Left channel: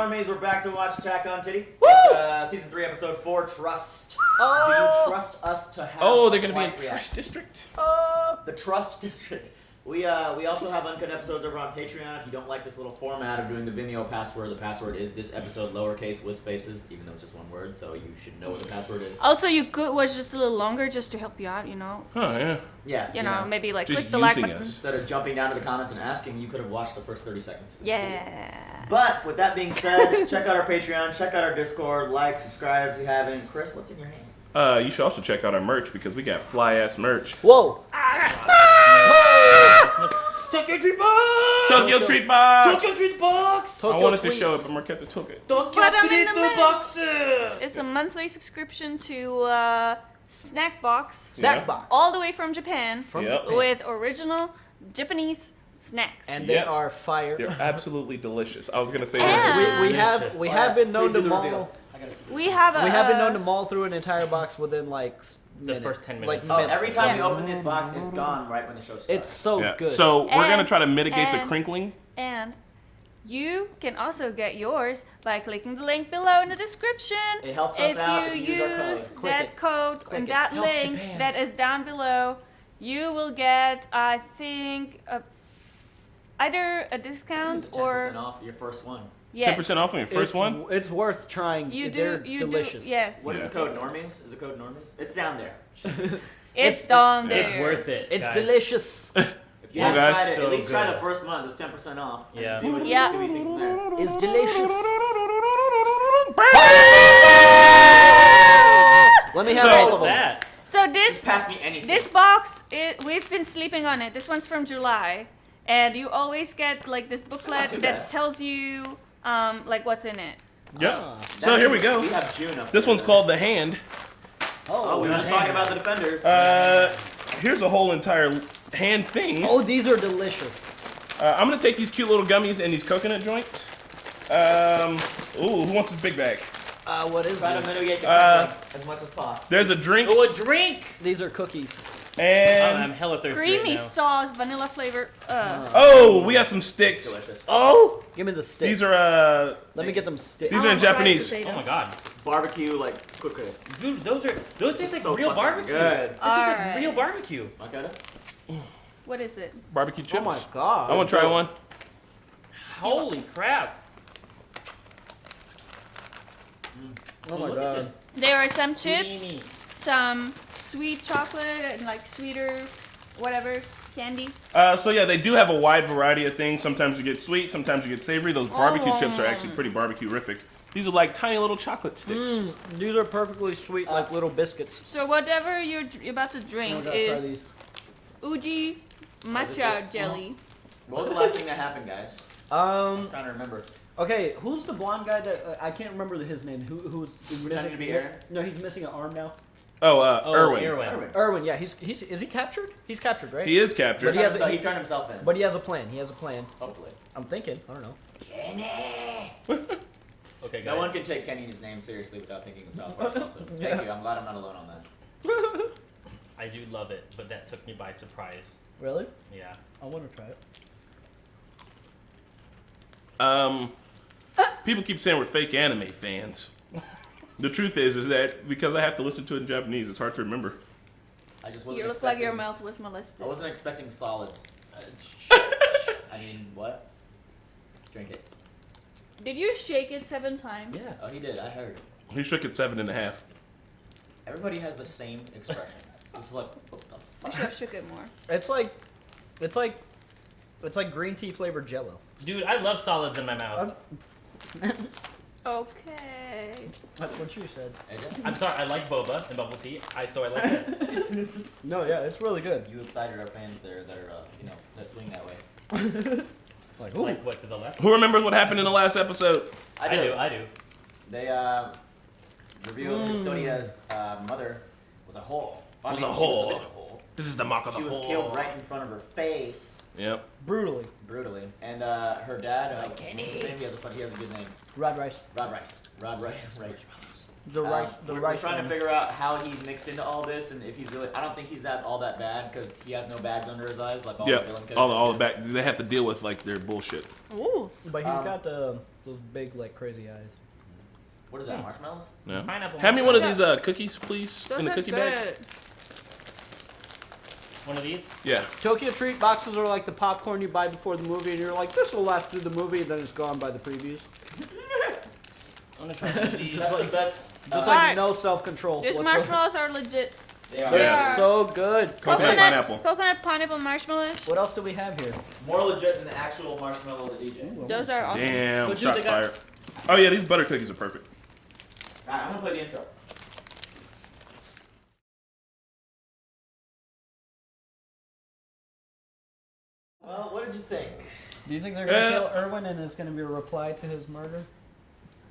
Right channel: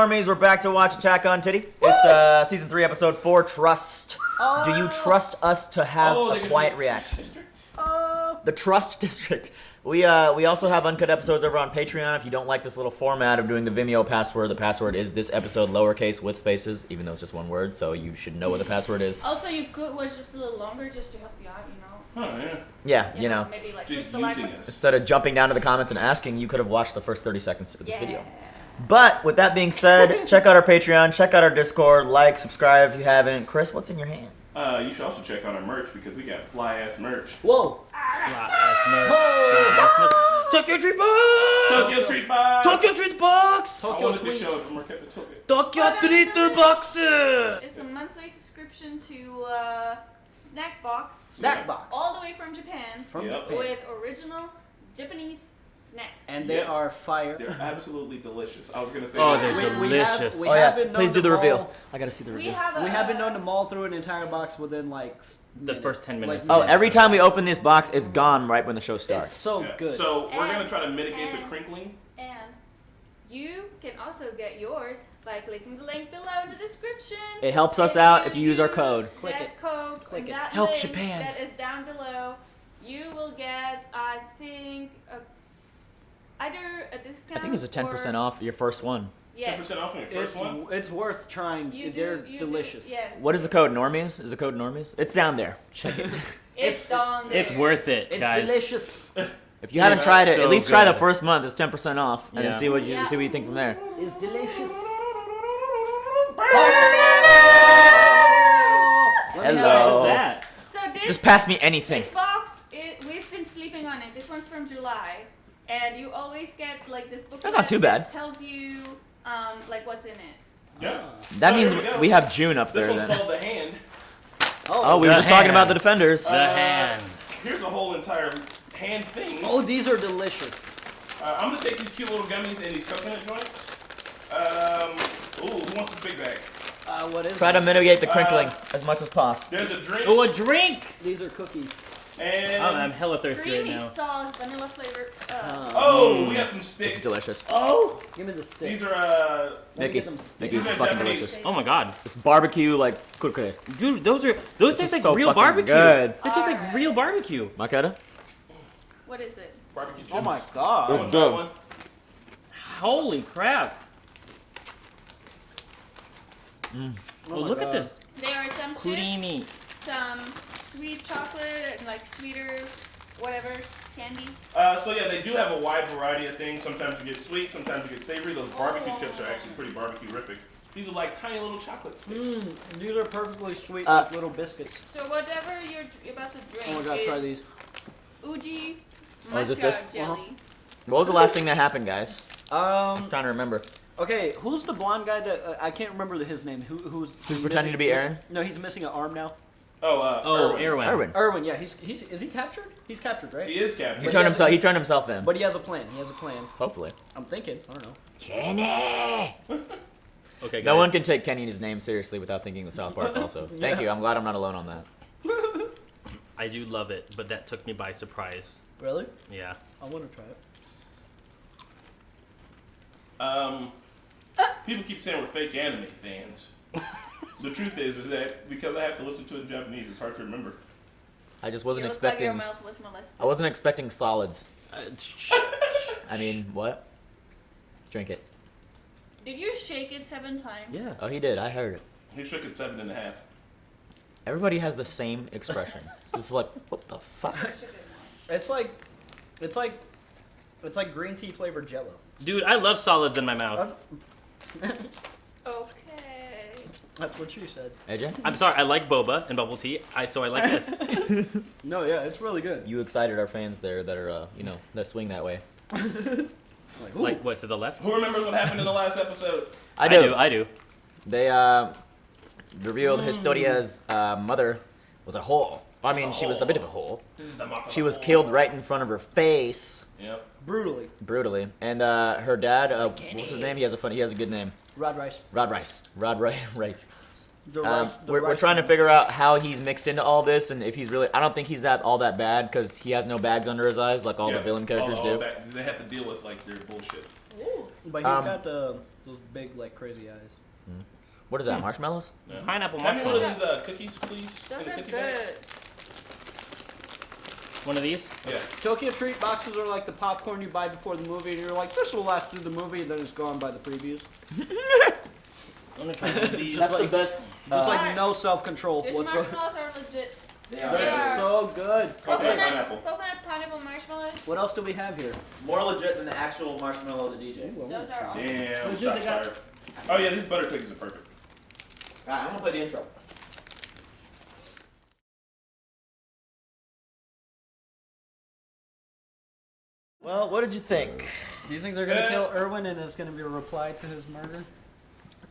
normies? We're back to watch Attack on Titty. It's season 3, episode 4. Trust. Do you trust us to have a quiet reaction? District. The Trust District. We also have uncut episodes over on Patreon. If you don't like this little format of doing the Vimeo password, the password is this episode lowercase with spaces, even though it's just one word, so you should know what the password is. Also, you could watch just a little longer just to help you out, Oh, yeah. Yeah, you know, maybe like just click the like using button. us. Instead of jumping down to the comments and asking, you could have watched the first 30 seconds of this Yeah. video. But with that being said, check out our Patreon, check out our Discord, like, subscribe if you haven't. Chris, what's in your hand? You should also check out our merch because we got fly-ass merch. Whoa! Tokyo Treat Box! Tokyo Treat Box! Tokyo Treat Box! I wanted to show it, but Marquette took it. Tokyo Treat Boxes! It's a monthly subscription to Snack Box. Snack box. All the way from Japan. Yep. With original Japanese snacks. And they are fire. They're absolutely delicious. I was gonna say Yeah. We Delicious. have been known Please do to the maul. reveal. I gotta see the reveal. We have been known to maul through an entire box within like The first 10 minutes. Oh, every time we open this box, it's gone right when the show starts. It's so Yeah. good. So we're gonna And- try to mitigate the and- crinkling. And you can also get yours by clicking the link below in the description. It helps us out if you use our code. Click that it. code Click and it. that Help link Japan. that is down below, you will get, I think, either a discount I think it's a 10% off your first one. Yes. 10% off on your first one. It's worth trying. They're You delicious. Do, yes. What is the code? Normies? Is the code Normies? It's down there. It's down there. It's worth it, It's guys. delicious. If you haven't guys, tried it, so at least try the good. first month. It's 10% off, and then Yeah. see what you think from there. It's delicious. Let me And have so- all What's of that. that? So Just pass me anything. this box, we've been sleeping on it. This one's from July, and you always get like this booklet not too that bad. tells you like what's in it. Yep. That So means here we go. we have June up there. This one's then. called the hand. Oh, we were just talking about the Defenders. Here's a whole entire hand thing. Oh, these are delicious. I'm gonna take these cute little gummies and these coconut joints. Ooh, who wants this big bag? What is Try to this? mitigate the crinkling as much as possible. There's a drink Oh, a drink! These are cookies. and I'm hella thirsty Creamy right now. sauce, vanilla flavor. oh, we got some This is sticks. delicious. Oh! Give me the sticks. These are Let me get them sticks. These are in Japanese. Oh my god. It's barbecue like cookie. Dude, those taste is like so real fucking barbecue. good. It's just like Alright. real barbecue. Makeda? What is it? barbecue chips. Oh my god. I want to try one. Holy crap. Oh Oh, my look at God. this. There are some chips, Creamy. some sweet chocolate, and like sweeter, whatever candy. So yeah, they do have a wide variety of things. Sometimes you get sweet, sometimes you get savory. Those barbecue chips are actually pretty barbecue-rific. These are like tiny little chocolate sticks. These are perfectly sweet, like little biscuits. So whatever you're about to drink Oh, I gotta try is these. Uji Oh, is this matcha this? jelly. What was the last thing that happened, guys? I'm trying to remember. Okay, who's the blonde guy that I can't remember his name? Who's pretending missing- to be Aaron? No, he's missing an arm now. Oh, Erwin. Erwin. Erwin, yeah, is he captured? He's captured, right? He is He captured. turned himself in. But he has a plan. He has a plan. Hopefully. I'm thinking. I don't know. Kenny! Okay, guys. No one can take Kenny and his name seriously without thinking of South Park also. Thank you. I'm glad I'm not alone on that. I do love it, but that took me by surprise. Really? Yeah. I want to try it. People keep saying we're fake anime fans. The truth is that because I have to listen to it in Japanese, it's hard to remember. I just You wasn't look like expecting. your mouth was molested. I wasn't expecting solids. I mean, what? Drink it. Did you shake it 7 times? Yeah. Oh, he did. I heard it. He shook it 7.5. Everybody has the same expression. It's like, what the fuck? Should have shook it more. It's like green tea flavored Jello. Dude, I love solids in my mouth. Okay. That's what she said. AJ? I'm sorry, I like boba and bubble tea, so I like this. No, yeah, it's really good. You excited our fans there that are, that swing that way. Like, ooh. Like, what, to the left? Who remembers what happened in the last episode? I do. I do. They revealed Historia's mother was a whole. I mean, she was a bit of a hole. This is the mock of She the was whole. killed right in front of her face, Yep. Brutally. and her dad. What's his name? He has a good name. Rod Rice. Rod Rice. Rice. The rice. The We're rice trying to one. figure out how he's mixed into all this, and if he's really. I don't think he's all that bad because he has no bags under his eyes like all the villain characters all do. back. They have to deal with like their bullshit. Ooh. But he's got those big, like, crazy eyes. What is that? Marshmallows? Yeah. Pineapple. Hand me one of marshmallow. these cookies, please, Those in the are cookie good. bag. One of these. Yeah. Tokyo treat boxes are like the popcorn you buy before the movie, and you're like, this will last through the movie, and then it's gone by the previews. I'm gonna try one of these. That's the best. Just Alright. no self-control These whatsoever. marshmallows are legit. They are. They're Yeah. so good. Coconut pineapple. Coconut pineapple marshmallows. What else do we have here? More legit than the actual marshmallow of the DJ. Ooh, Those are awesome. Damn, But dude, shot they got- fired. Oh yeah, these butter cookies are perfect. Alright, I'm gonna play the intro. Well, what did you think? Do you think they're gonna kill Irwin and it's gonna be a reply to his murder?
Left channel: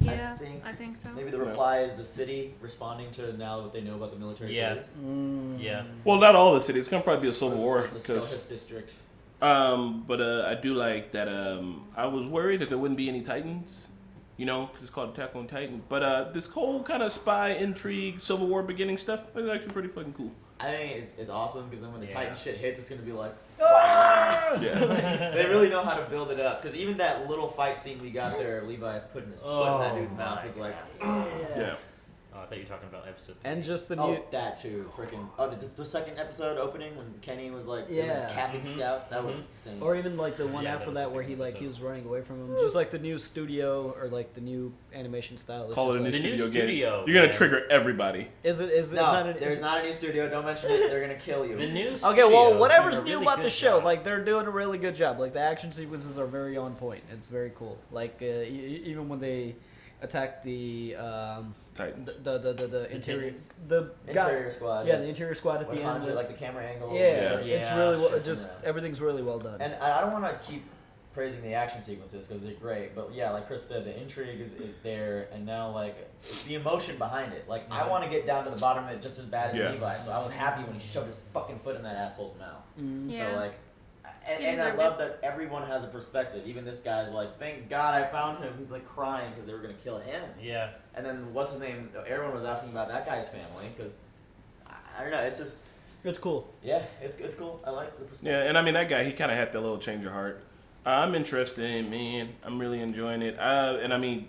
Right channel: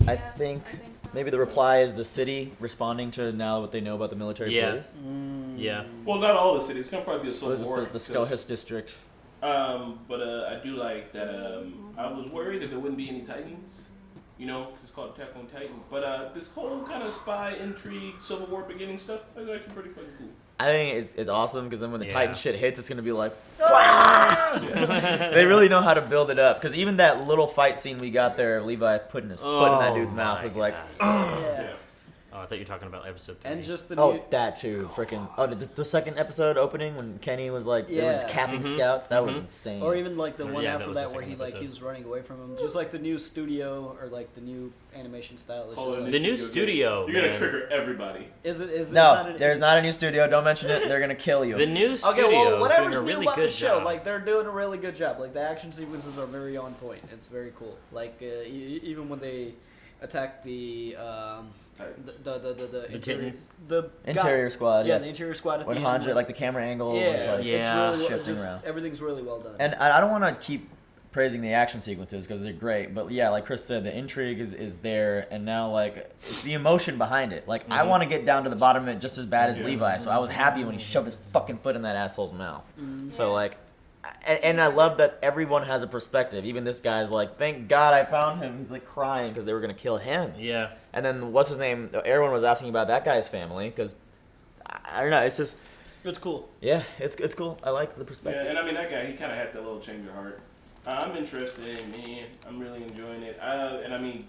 Yeah, I think so. maybe the reply is the city responding to now what they know about the military Yeah. police. Yeah. Well, not all the cities. It's gonna probably be a civil This is war. the 'cause- Skohus district. But I do like that. I was worried that there wouldn't be any Titans, you know, because it's called Attack on Titan. But this whole kind of spy intrigue, Civil War beginning stuff is actually pretty fucking cool. I think it's awesome because then when the Yeah. Titan shit hits, it's gonna be like Yeah. they really know how to build it up. Because even that little fight scene we got there, Levi putting his foot in that dude's mouth my was like, Yeah. Oh, I thought you were talking about episode 3. And just the oh, new. that too, freaking. Oh, the second episode opening when Kenny was like, it was Yeah. capping scouts. That was insane. Or even like the one Yeah, that after was the that where he second like he episode. was running away from him. Just like the new studio or like the new animation style. It's Call just it like, The new again. studio, You're gonna man. trigger everybody. is it no, not an, there's is- not a new studio. Don't mention it. They're gonna kill you. The new Okay, studio well, is whatever's doing a new really about the good show, job. like they're doing a really good job. Like the action sequences are very on point. It's very cool. Like even when they attack the Titans. the interior Titans? the Interior squad. yeah, the interior squad at when the Hanjo, end. like the camera angle. yeah, was, like, it's Yeah. really shifting just around. everything's really well done. And I don't want to keep praising the action sequences because they're great, but yeah, like Chris said, the intrigue is there, and now like it's the emotion behind it. Like I want to get down to the bottom of it just as bad as Yeah. Levi, so I was happy when he shoved his fucking foot in that asshole's mouth. So Yeah. like, and I love that everyone has a perspective. Even this guy's like, thank God I found him. He's like crying because they were gonna kill him. Yeah. And then what's his name? Everyone was asking about that guy's family because I don't know. It's just it's cool. yeah, it's cool. I like the Yeah, perspective. and I mean that guy, he kind of had that little change of heart. I'm interested in, man. I'm really enjoying it. And I mean,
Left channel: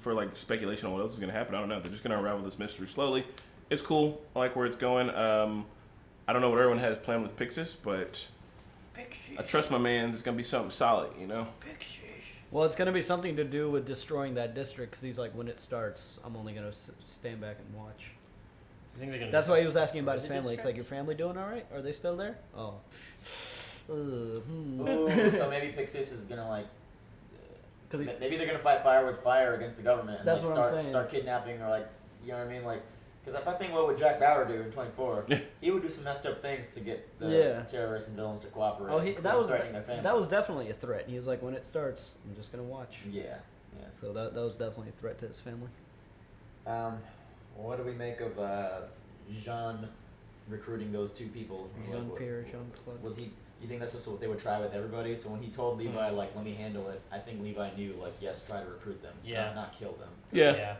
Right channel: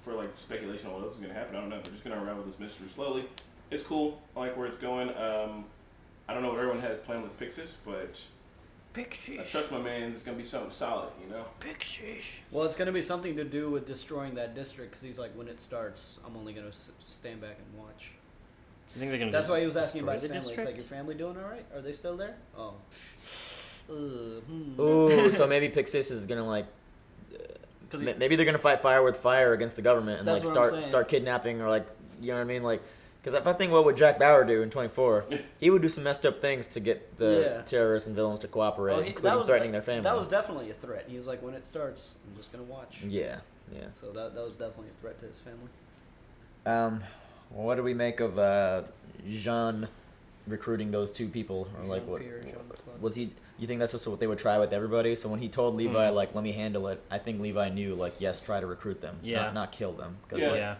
for like speculation on what else is gonna happen, I don't know. They're just gonna unravel this mystery slowly. It's cool. I like where it's going. I don't know what everyone has planned with Pixis, but I trust my man's. It's gonna be something solid, you know. Well, it's gonna be something to do with destroying that district because he's like, when it starts, I'm only gonna stand back and watch. I think they're gonna. That's why he was asking destroy about his the family. It's like, district? your family doing all right? Are they still there? Oh. Ooh, so maybe Pixis is gonna like. Because he, Maybe they're gonna fight fire with fire against the government and That's like what I'm start saying. start kidnapping or like you know what I mean like because if I think what would Jack Bauer do in 24, he would do some messed up things to get the Yeah. terrorists and villains to cooperate, oh, including threatening their family. that was definitely a threat. He was like, when it starts, I'm just gonna watch. yeah. So that was definitely a threat to his family. What do we make of Jean recruiting those two people or like what Jean-Pierre, Jean-Claude. was he? You think that's just what they would try with everybody? So when he told Levi like, "Let me handle it," I think Levi knew like, yes, try to recruit them, Yeah. not kill them. 'Cause, Yeah. like, Yeah.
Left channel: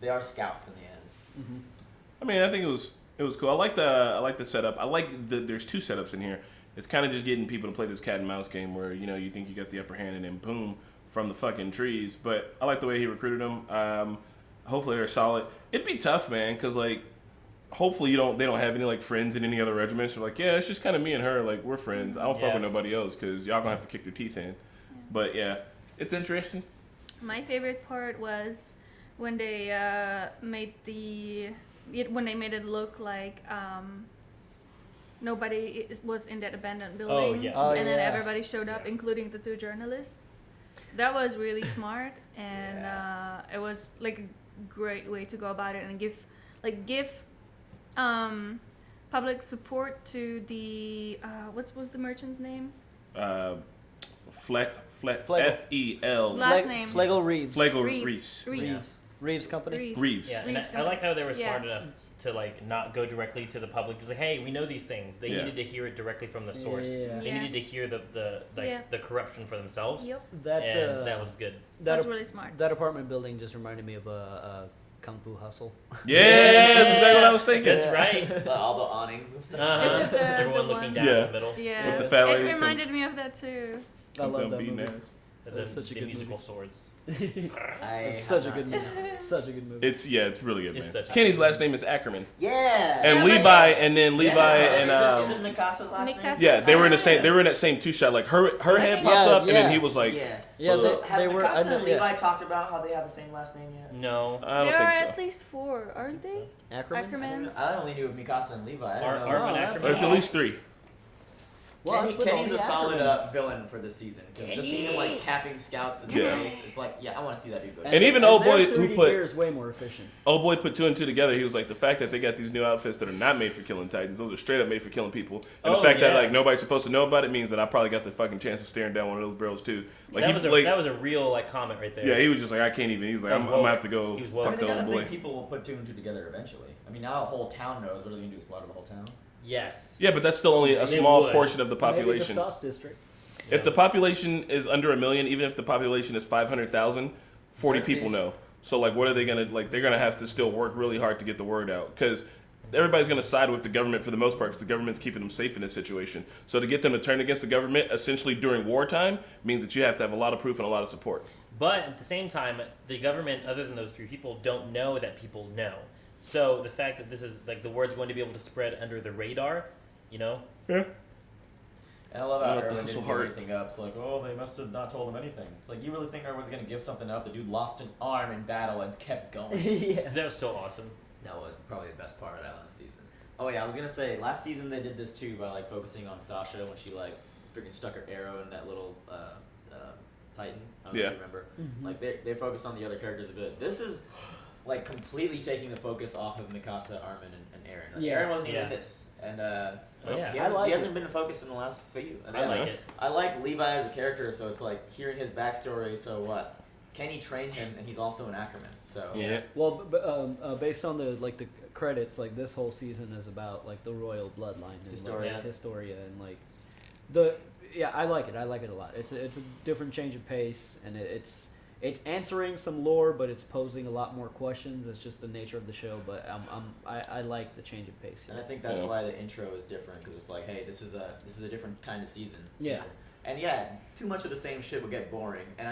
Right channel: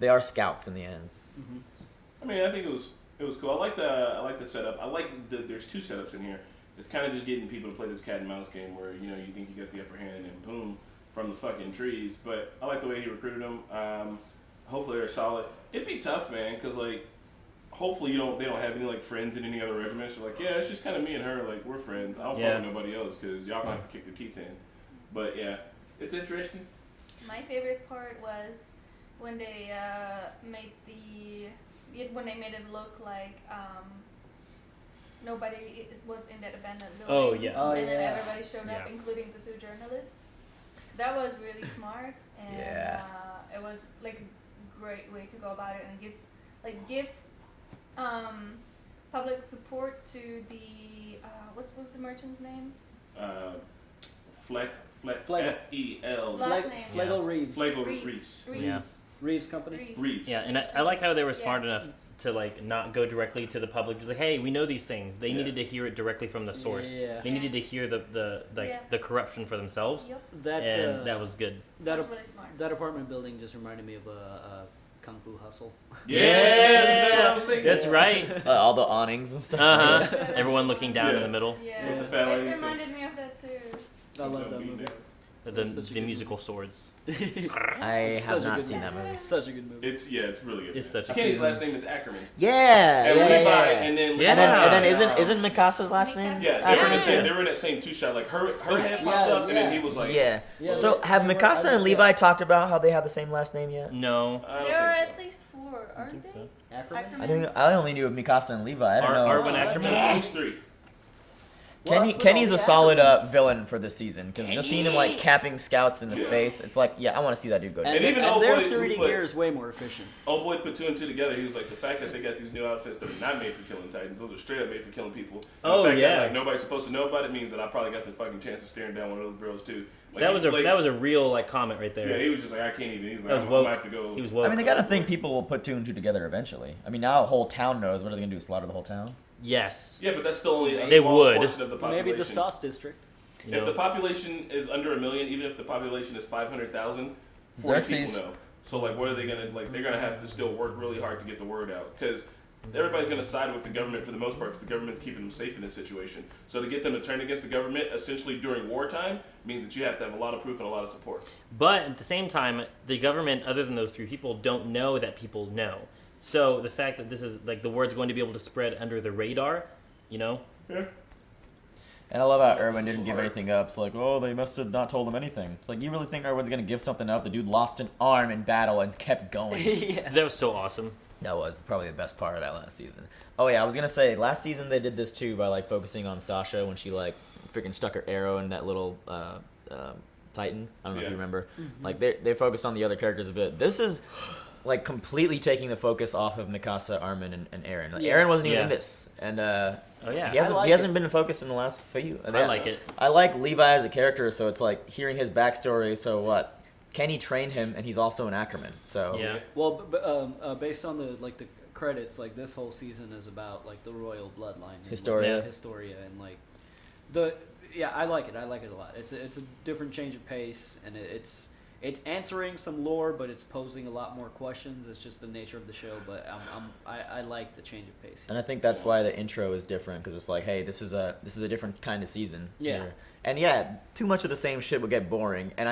they are scouts in the end. I mean, I think it was cool. I like the setup. I like there's two setups in here. It's kind of just getting people to play this cat and mouse game where you know you think you got the upper hand and then boom from the fucking trees. But I like the way he recruited them. Hopefully they're solid. It'd be tough, man, because like hopefully they don't have any like friends in any other regiments. They're like, yeah, it's just kind of me and her. Like we're friends. I don't fuck Yeah. with nobody else because y'all gonna have to kick their teeth in. But yeah, it's interesting. My favorite part was when they made when they made it look like nobody was in that abandoned building. Oh, yeah. Oh, and then yeah. everybody showed up, Yeah. including the two journalists. That was really smart, and Yeah. it was like a great way to go about it and give public support to the what was the merchant's name? Fleck Flegel. F-E-L. Last name. Flegel Reeves. Flegel Reeves. Reese. Reeves. Reeves Company. Reeves. Yeah, and Reeves I like company. how they were smart Yeah. enough to like not go directly to the public. Just like, hey, we know these things. They Yeah. needed to hear it directly from the source. Yeah. They Yeah. needed to hear the corruption for themselves. Yep. That And that was good. that That's really smart. that apartment building just reminded me of a Kung Fu Hustle. Yeah, that's exactly what I was thinking. That's right. All the awnings and stuff. Uh-huh. The Everyone one- looking down in Yeah. the middle. Yeah. With the fat it lady reminded me of that too. I love that Beating movie. ass. That's such a the good musical swords. I It's have such a not good seen movie. that movie. Such a good movie. It's really good. It's Man. such a Kenny's good last name is Ackerman. Yeah. And yeah, Levi, yeah. and then Levi. And then and, isn't Mikasa's last name? Mikasa. Yeah, they were in the same. Yeah. They were in that same two shot. Like her head popped Yeah, up, and then yeah. he was like, Yeah. Yeah, So they- have they were- Mikasa and yeah. Levi talked about how they have the same last name yet? No. I don't There are think at so. least 4, aren't they? Ackerman? Ackerman. I only knew of Mikasa and Levi. I don't know. Arwen that's Ackerman. There's at least 3. Well, that's with Kenny's all a the solid Ackermans. villain for this season because just seeing him like capping scouts in the Yeah. face, it's like, yeah, I want to see that dude go. And even their old boy who 3D put- gear is way more efficient. Old boy put 2 and 2 together. He was like, the fact that they got these new outfits that are not made for killing Titans, those are straight up made for killing people. And Oh, the fact that yeah. like nobody's supposed to know about it means that I probably got the fucking chance of staring down one of those barrels too. Like That he was like, a real like comment right there. yeah, he was just like, I can't even. He was like, That was I'm gonna woke. have to go. He was I woke. mean, they to gotta old think boy. people will put 2 and 2 together eventually. I mean, now the whole town knows. What are they gonna do? Slaughter the whole town? Yes. Yeah, but that's still only a They small would. portion of the population. Maybe the Stas district. If the population is under 1 million, even if the population is 500,000, 40 people Xerxes. know. So like, what are they gonna like? They're gonna have to still work really hard to get the word out because everybody's gonna side with the government for the most part because the government's keeping them safe in this situation. So to get them to turn against the government, essentially during wartime, means that you have to have a lot of proof and a lot of support. But at the same time, the government, other than those 3 people, don't know that people know. So the fact that this is like the word's going to be able to spread under the radar, you know? Yeah. And I love how Yeah, Erwin that's didn't so give hard. anything up. It's like, oh, they must have not told him anything. It's like, you really think Erwin's gonna give something up? The dude lost an arm in battle and kept going. Yeah. That was so awesome. That was probably the best part of that last season. Oh yeah, I was gonna say last season they did this too by like focusing on Sasha when she like freaking stuck her arrow in that little Titan. I don't know if Yeah. you remember. Like they focused on the other characters a bit. This is like completely taking the focus off of Mikasa, Armin, and Eren. Like, Yeah. Eren wasn't even Yeah. in this, and Oh yeah. he hasn't, I like he hasn't it. been in focus in the last few. I like it. I like Levi as a character, so it's like hearing his backstory. So what? Kenny trained him, and he's also an Ackerman. So Yeah. Well, based on the credits, like this whole season is about like the royal bloodline, and, Historia. like, Historia, and like I like it. I like it a lot. It's a different change of pace, and it's answering some lore, but it's posing a lot more questions. It's just the nature of the show, but I like the change of pace. And I think that's Yeah. why the intro is different because it's like, hey, this is a different kind of season. Yeah. here. And yeah, too much of the same shit will get boring. And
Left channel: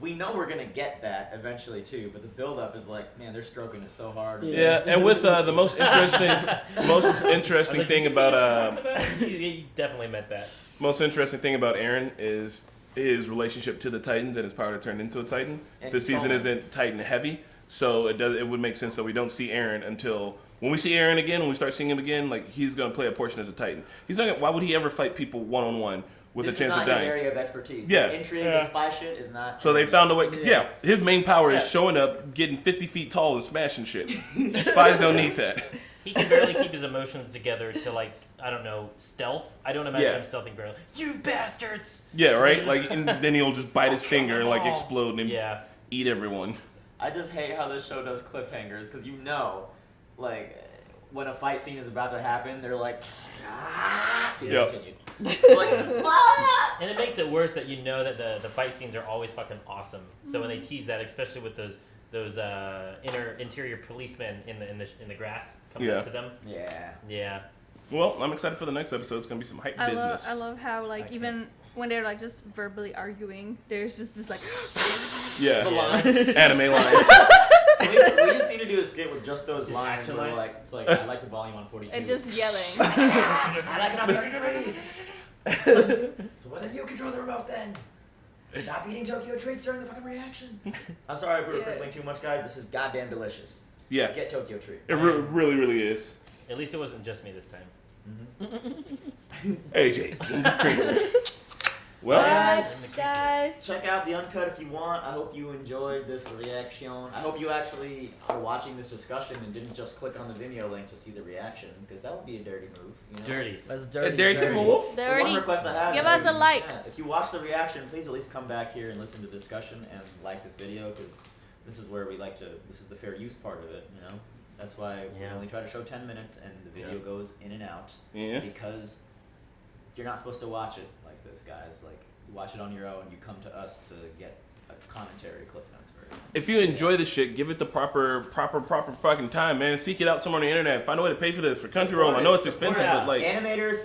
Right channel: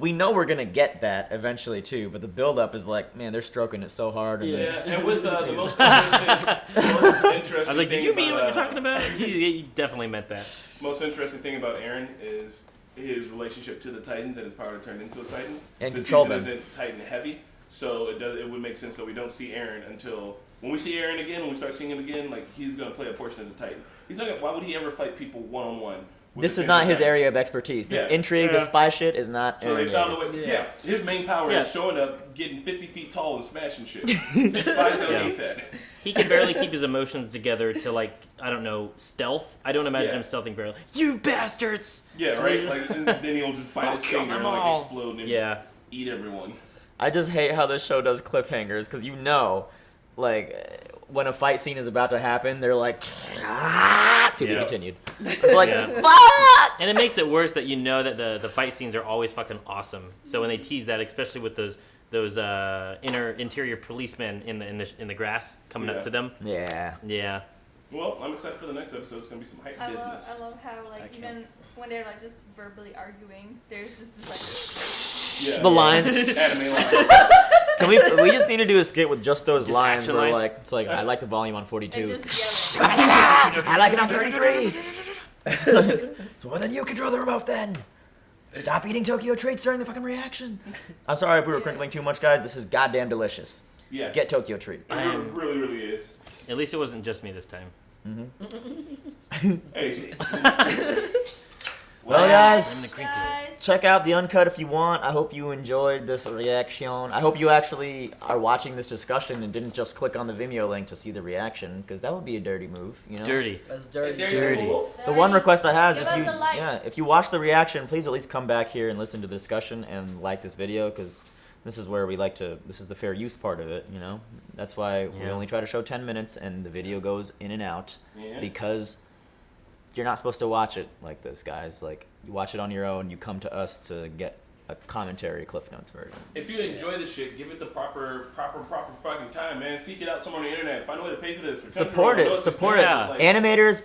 we know we're gonna get that eventually too. But the build up is like, man, they're stroking it so hard. And Yeah. Yeah, and with the most interesting, most I was interesting like, thing did you mean what we're about talking about? You definitely meant that. most interesting thing about Eren is his relationship to the Titans and his power to turn into a Titan. And This control season them. isn't Titan heavy, so it would make sense that we don't see Eren until when we see Eren again. When we start seeing him again, like he's gonna play a portion as a Titan. He's not. Why would he ever fight people one on one? this is not his area of expertise. This Yeah. intrigue, Yeah. the spy shit is not. So they Eren found a yet. way. Yeah. Yeah, his main power Yeah. is showing up, getting 50 feet tall, and smashing shit. Spies don't Yeah. need that. He can barely keep his emotions together to like, I don't know, stealth. I don't imagine Yeah. him stealthing very well. You bastards! Yeah, right. Like and then he'll just bite his I'll kill finger and them like all. explode and Yeah. eat everyone. I just hate how this show does cliffhangers because you know, like when a fight scene is about to happen, they're like, to be Yeah. continued. It's like, Yeah. fuck! And it makes it worse that you know that the fight scenes are always fucking awesome. So when they tease that, especially with those interior policemen in the grass coming Yeah. up to them, Yeah. yeah, Well, I'm excited for the next episode. It's gonna be some hype business. I love how like I even when they're like just verbally arguing, there's just this Yeah, The lines. anime lines. Can we just need to do a skit with just those Just lines action where lines? like it's like I like the volume on like 42. and just yelling. I like it on 33. So well, then you control the remote then. Stop eating Tokyo treats during the fucking reaction. I'm sorry if we were Yeah. crinkling too much, guys. This is goddamn delicious. Yeah, Get Tokyo treat. it really, really is. at least it wasn't just me this time. AJ. Well, Well, guys, Guys, check out the uncut if you want. I hope you enjoyed this reaction. I hope you actually are watching this discussion and didn't just click on the Vimeo link to see the reaction, because that would be a dirty move, you know. Dirty. That's dirty. dirty move. The one request I have is Give if us you, a like. yeah, if you watch the reaction, please at least come back here and listen to the discussion and like this video, because this is where we like to. This is the fair use part of it, you know. That's why we Yeah. only try to show 10 minutes, and the video goes in and out Yeah. because you're not supposed to watch it like this, guys. Like you watch it on your own. You come to us to get a commentary, Cliff Notes version. If you enjoy this shit, give it the proper fucking time, man. Seek it out somewhere on the internet. Find a way to pay for this for Crunchyroll. Support I know it. it's Support expensive, it. but like, Animators,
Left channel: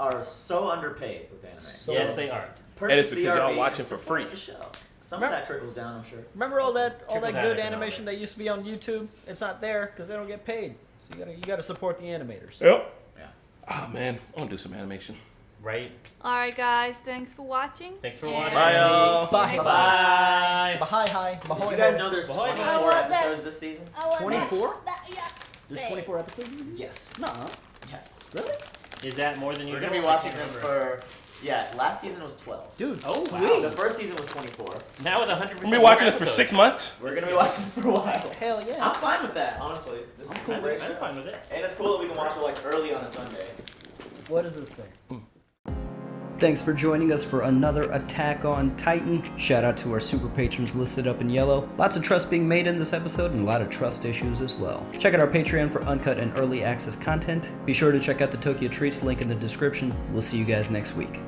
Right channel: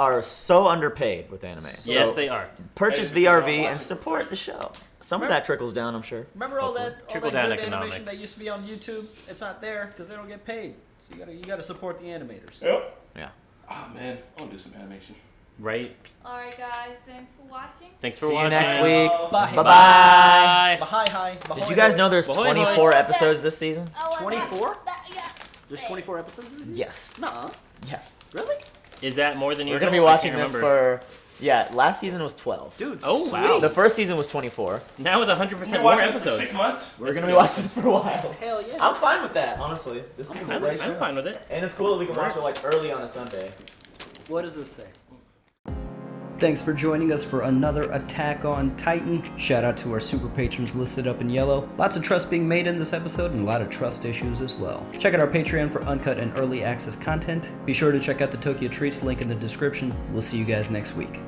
are so underpaid with anime. Yes, So they are. Purchase And it's because y'all VRV watch and it for support free. the show. Some of that trickles down, I'm sure. Remember all that Trickle good down animation economics. that used to be on YouTube? It's not there because they don't get paid. So you gotta support the animators. Yep. Yeah. Oh man, I want to do some animation. Right? Alright, guys, thanks for watching. Thanks for See you watching. next Bye. week. Bye. Bye-bye. Hi. Did you guys know there's Ahoy, 24 ahoy. episodes this season? 24? There's 24 episodes this season? Yes. Nuh-uh. Yes. Really? Is that more than We're usual? going to be I watching can't this remember. for... Yeah, last season was 12. Dude, Oh, sweet. wow. The first season was 24. Now with 100% We've been more watching this for episodes. 6 months. We're going to be watching this for a while. Hell yeah. I'm fine with that, honestly. This is a I'm, great I'm show. fine with it. And it's cool that we can watch it like early on a Sunday. What does this say? Thanks for joining us for another Attack on Titan. Shout out to our super patrons listed up in yellow. Lots of trust being made in this episode and a lot of trust issues as well. Check out our Patreon for uncut and early access content. Be sure to check out the Tokyo Treats link in the description. We'll see you guys next week.